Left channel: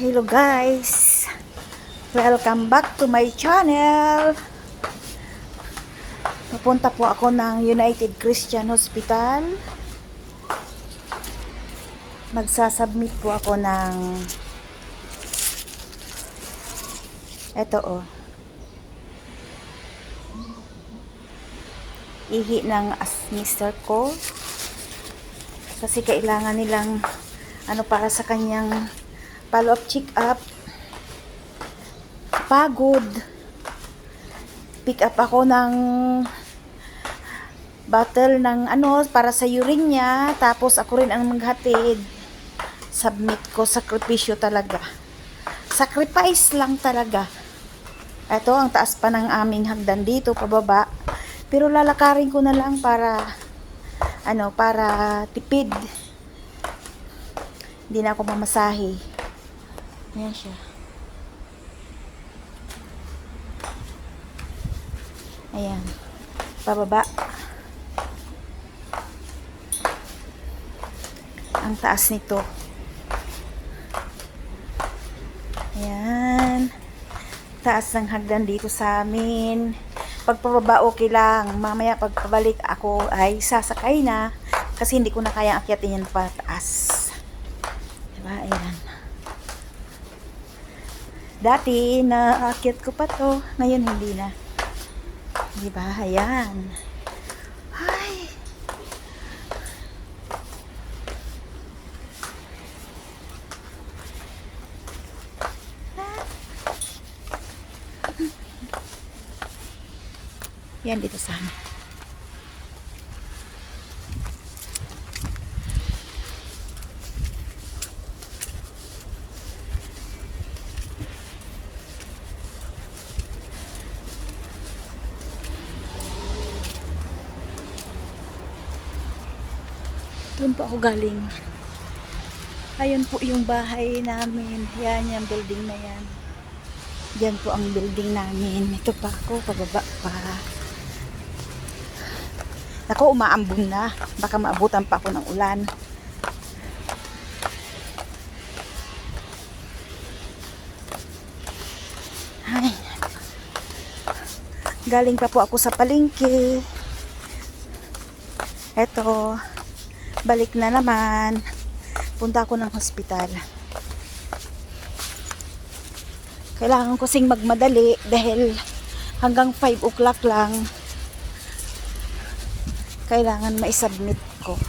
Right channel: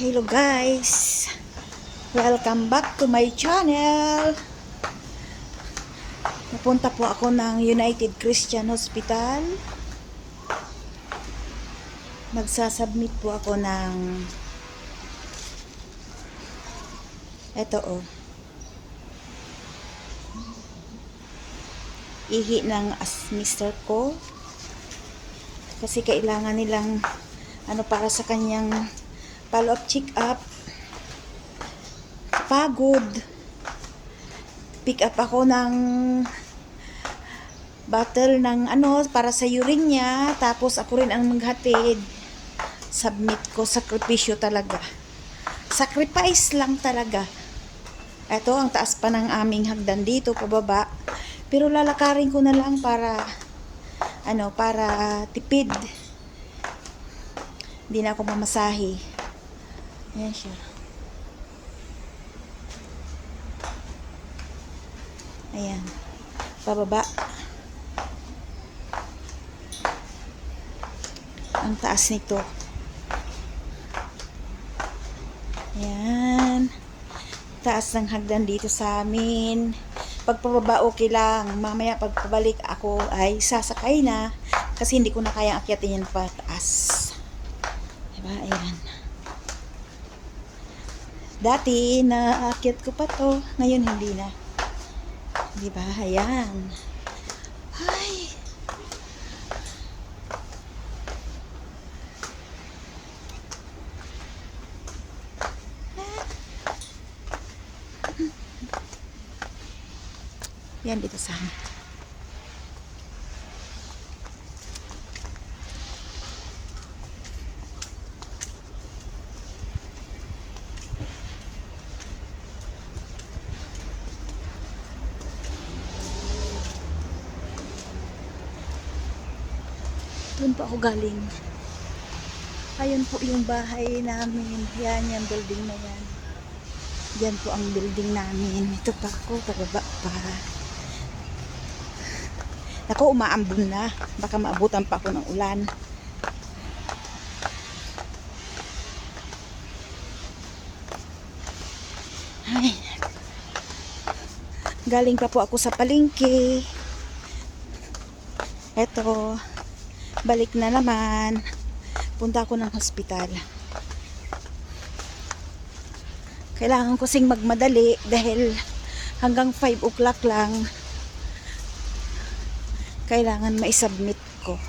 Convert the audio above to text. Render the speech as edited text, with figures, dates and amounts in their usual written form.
Hello guys, welcome back to my channel. Pupunta po ako ng United Christian Hospital. Magsasubmit po ako ng eto ihi ng mister ko, kasi kailangan nilang para sa kanyang follow-up check-up. Pagod. Pick up ako ng bottle ng para sa urine niya, tapos ako rin ang maghatid. Submit ko, sakripisyo talaga. Sacrifice lang talaga. Ito, ang taas pa ng aming hagdan dito, pababa. Pero lalakarin ko na lang para tipid. Hindi na ako mamasahe. Ayan siya. Ayan. Pababa. Ang taas nito. Ayan. Taas ng hagdan dito sa amin. Pagpababa okay lang. Mamaya pagpabalik ako ay sasakay na. Kasi hindi ko na kayang akyatin yan pataas. Diba? Ayan. Dati, naakyat ko pa to. Ngayon, hindi na. Diba? Ayan. Ay! Yan, dito sa amin. Doon po ako galing. Ayan po yung bahay namin. Yan, yung building na yan. Diyan po ang building namin. Ito pa ako, pababa pa. Ako, umaambon na. Baka maabutan pa ako ng ulan. Ay. Galing pa po ako sa palengke. Eto. Balik na naman. Punta ako ng hospital. Kailangan ko sing magmadali dahil hanggang 5 o'clock lang kailangan maisubmit ko.